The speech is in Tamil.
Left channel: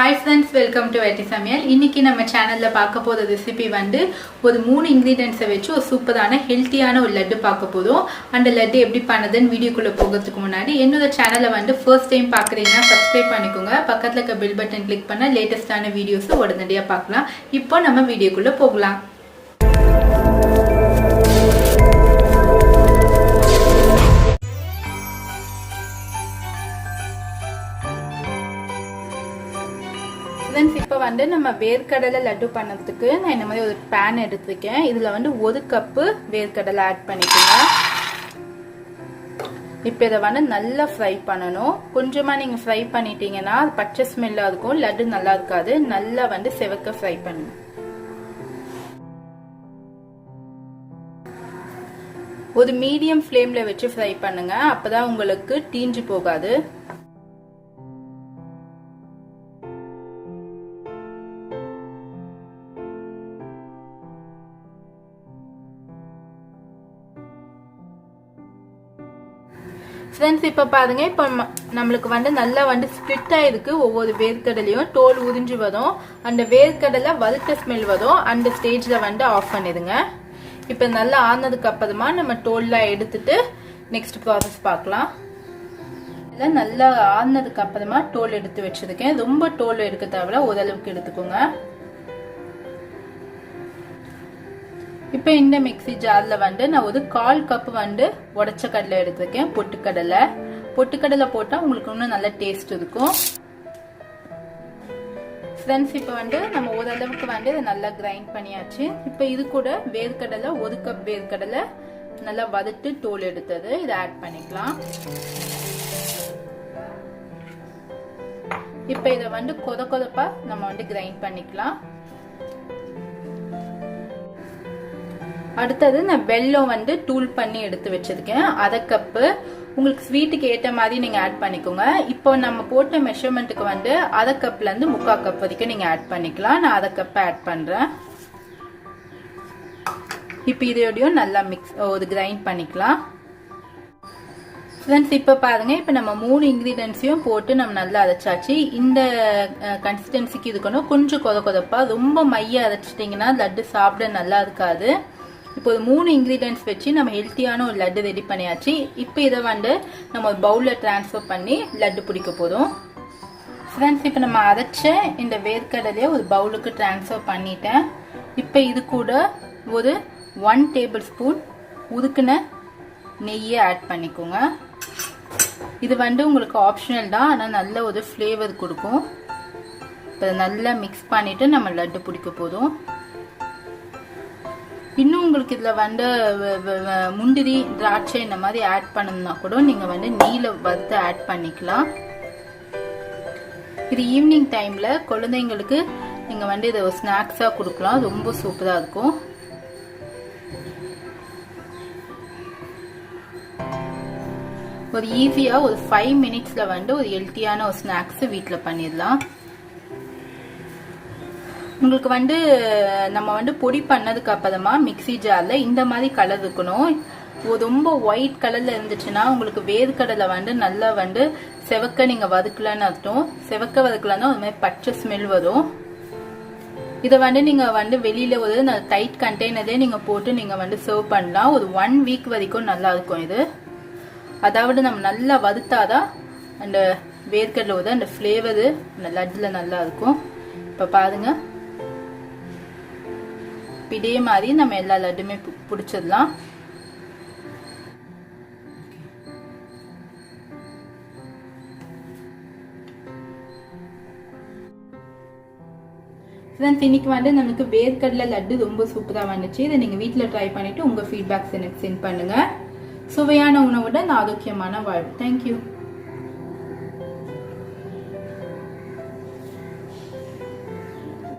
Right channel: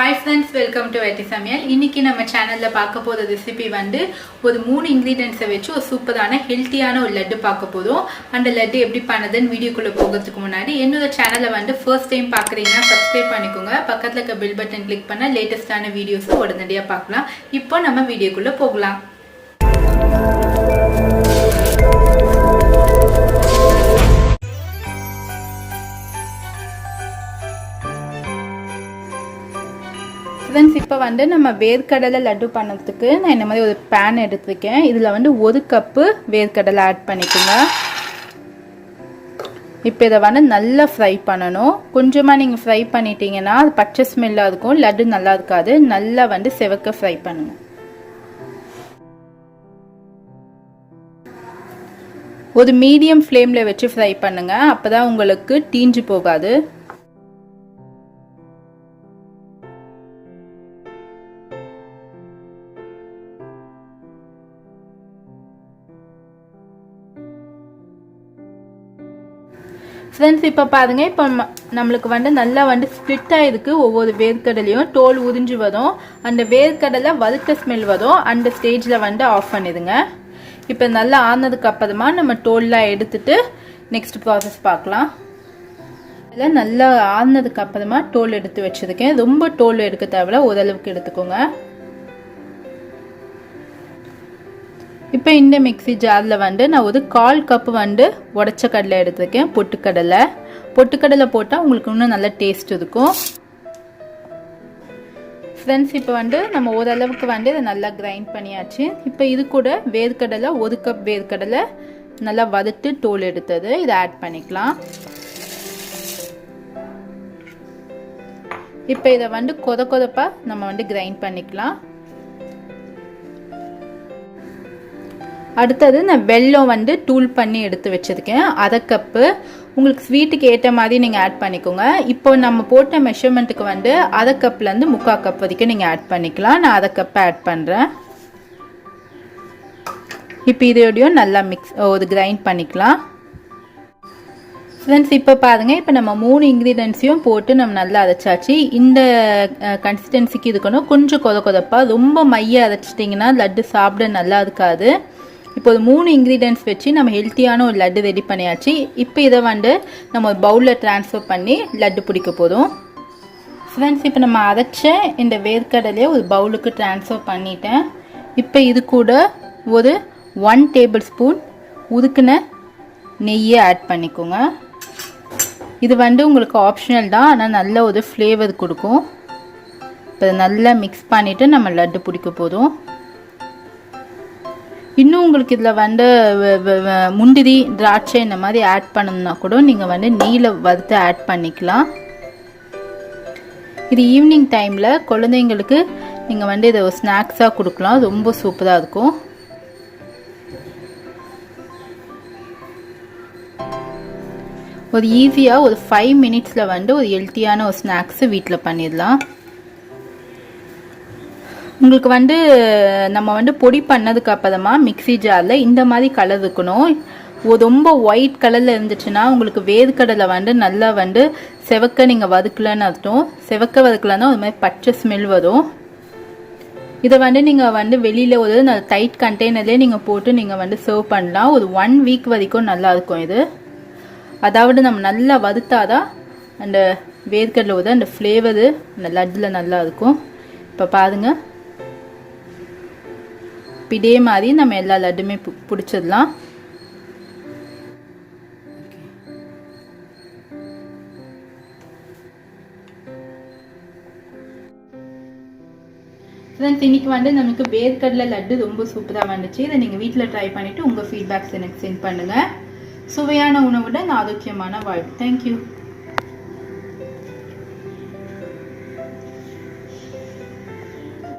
Hi friends, welcome to Samayal. இன்னைக்கு நம்ம சேனல்ல பார்க்க போற ரெசிபி வந்து ஒரு 3 ingredients வச்சு ஒரு சூப்பரான ஹெல்தியான ஒரு லட்டு பார்க்க போறோம். அந்த லட்டு எப்படி பண்ணதுன்னு வீடியோக்குள்ள போகிறதுக்கு முன்னாடி என்னோட சேனலை வந்து ஃபர்ஸ்ட் டைம் பார்க்கறீங்கன்னா சப்ஸ்கிரைப் பண்ணிக்கோங்க. பக்கத்துல இருக்க பெல் பட்டன் கிளிக் பண்ணா லேட்டஸ்டான வீடியோஸ் உடனடியா பார்க்கலாம். இப்போ நம்ம வீடியோக்குள்ள போகலாம். Friends, இப்போ வந்து நம்ம வேர்க்கடலை லட்டு பண்ணதுக்கு நான் இந்த மாதிரி ஒரு pan எடுத்துக்கேன். இதுல வந்து 1 கப் வேர்க்கடலை ஆட் பண்ணிக்கோங்க. இப்போ இத வந்து நல்லா ஃப்ரை பண்ணனும். கொஞ்சமா நீங்க ஃப்ரை பண்ணிட்டீங்கன்னா அது பச்சை ஸ்மெல்லா இருக்கும், லட்டு நல்லா இருக்காது. நல்லா வந்து செவக்க ஃப்ரை பண்ணனும். ஒரு மீடியம் ஃப்ளேம்ல வச்சு ஃப்ரை பண்ணுங்க. அப்பதான் உங்களுக்கு தீஞ்சு போகாது. ஃப்ரெண்ட்ஸ், இப்போ பாருங்க, இப்போ நம்மளுக்கு வந்து நல்லா வந்து ஸ்ப்ளிட் ஆயிருக்கு. ஒவ்வொரு வேர்க்கடலையும் தோல் உறிஞ்சு வரும். அந்த வேர்க்கடலை வறுத்த ஸ்மெல் வரும். அந்த ஸ்டேஜ்ல வந்து ஆஃப் பண்ணிடுங்க. இப்போ நல்லா ஆனதுக்கு அப்புறமா நம்ம தோல்லாம் எடுத்துட்டு நெக்ஸ்ட் ப்ராசஸ் பார்க்கலாம். இதில் நல்லா ஆனதுக்கு அப்புறமா தோல் எடுத்து வச்சிருக்கேன். ரொம்ப தோல் எடுக்க தேவையில்ல, ஓரளவுக்கு எடுத்துக்கோங்க. இப்போ இந்த மிக்ஸி ஜார்ல வந்து நான் ஒரு 1/4 கப் வந்து உடைச்ச கடலை எடுத்துருக்கேன். பொட்டுக்கடலை போட்டால் உங்களுக்கு இன்னும் நல்ல டேஸ்ட் இருக்கும். ஃப்ரெண்ட்ஸ், இப்போ வந்து நம்ம ஓரளவுக்கு வந்து இதை நல்லா கிரைண்ட் பண்ணியாச்சு. இப்போ இது கூட வேர்க்கடலை 1 கப் வேர்க்கடலை நல்லா வறுத்து தோல் எடுத்தது இதை ஆட் பண்ணிக்கலாம். இப்போ இதை வந்து கொதப்பா நம்ம வந்து கிரைண்ட் பண்ணிக்கலாம். அடுத்தது நான் வெல்லம் வந்து தூள் பண்ணி எடுத்து வச்சிருக்கேன். 1/2 கப்பு. உங்களுக்கு ஸ்வீட்டுக்கு ஏற்ற மாதிரி நீங்க ஆட் பண்ணிக்கோங்க. இப்போ நம்ம போட்ட மெஷர்மெண்ட்டுக்கு வந்து 1/2 கப்ல இருந்து 3/4 கப் வரைக்கும் நீங்க ஆட் பண்ணிக்கலாம். நான் 1/2 கப் ஆட் பண்றேன். இப்போ இதோடயும் நல்லா ஒரு கிரைண்ட் பண்ணிக்கலாம். ஃப்ரெண்ட்ஸ், இப்போ பாருங்க, இப்போ நம்ம 3 இன்கிரீடியன்ஸையும் போட்டு நம்ம நல்லா அரைச்சாச்சு. இந்த கன்சிஸ்டன்சிக்கு இருக்கணும். கொஞ்சம் கொதப்பா, ரொம்ப மைய அரைச்சிட்டிங்கன்னா லட்டு சாப்பிட நல்லா இருக்காது. இப்போ ஒரு 3 இன்கிரீடியன்ஸ் வச்சு நம்ம ஹெல்த்தியான ஒரு லட்டு ரெடி பண்ணியாச்சு. இப்போ இதை வந்து நம்ம ஒரு பவுலில் ட்ரான்ஸ்ஃபர் பண்ணி லட்டு பிடிக்க போதும். ஃப்ரெண்ட்ஸ், இப்போ நம்ம அரைச்ச இந்த வேர்க்கடலையை ஒரு பவுலுக்கு ட்ரான்ஸ்ஃபர் பண்ணிட்டேன். இப்போ இது கூட ஒரு 1 டேபிள் ஸ்பூன் உருக்குன நெய்யை ஆட் பண்ணிக்கோங்க. இது வந்து உங்களுக்கு ஆப்ஷனல் தான், ஆனால் நல்ல ஒரு ஃப்ளேவர் கொடுக்கும். இப்போ நல்லா மிக்ஸ் பண்ணிவிட்டு நம்ம லட்டு பிடிக்க போதும். இன்னும் உங்களுக்கு இதில் வந்து முந்திரி திராட்சை இந்த மாதிரி ஆட் பண்ணணும்னா கூட நீங்கள் வந்து நெய்யில் வறுத்து ஆட் பண்ணிக்கலாம். இது ஈவினிங் டைமில் குழந்தைங்களுக்கு நீங்கள் வந்து இதை ஒரு ஸ்நாக்ஸாக கொடுக்கலாம். ரொம்ப சூப்பராக இருக்கும். ஒரு ஈஸியாக ஒரு 5 மினிட்ஸில் வந்து ஒரு ஹெல்த்தியான ஒரு ஸ்நாக்ஸு வீட்டில் பண்ணிடலாம். உங்களுக்கு வந்து நம்ம வந்து பொடி பண்ணதுக்கு அப்புறமா மிக்ஸி ஜாரில் இந்த மாதிரி கலர் இருக்கணும். ரொம்ப ஒயிட் கலரில் இருந்துச்சுன்னா உங்களுக்கு வேர்க்கடலை வந்து நல்லா வந்து செவக்க நீங்கள் வதக்கலன்னு அர்த்தம். செவக்க வதக்கலன்னா ஒரு மாதிரி பச்சை ஸ்மெல் வரும். இதை வந்து நீங்கள் வந்து வெளியில் ஒரு டைட் கண்டெய்னர்லேயே நீங்கள் போட்டு நீங்கள் வந்து சர்வ் பண்ணலாம். ஒரு 1 வீக் வரைக்கும் நல்லா இருக்கும் இது. அதாவது நம்ம நல்லா வறுத்தாதான் அந்த வேர்க்கடலை அந்த ஃப்ளேவரு அந்த லட்டில் நல்லா இருக்கும். இப்போ பாருங்கள், இதே மாதிரி நம்ம எல்லா லட்டுமே பிடிச்சிடலாம். ஃப்ரெண்ட்ஸ், இன்னைக்கு வந்து நமக்கு வேர்க்கடலை லட்டு ரொம்ப சூப்பராக வந்துச்சு. இதை நீங்கள் வீட்டில் ட்ரை பண்ணிவிட்டு உங்கள் ஃபீட்பேக்ஸ் எனக்கு சென்ட் பண்ணுங்கள். சுவையான உணவுடன் ஆரோக்கியமான வாழ்வு. தேங்க்யூ.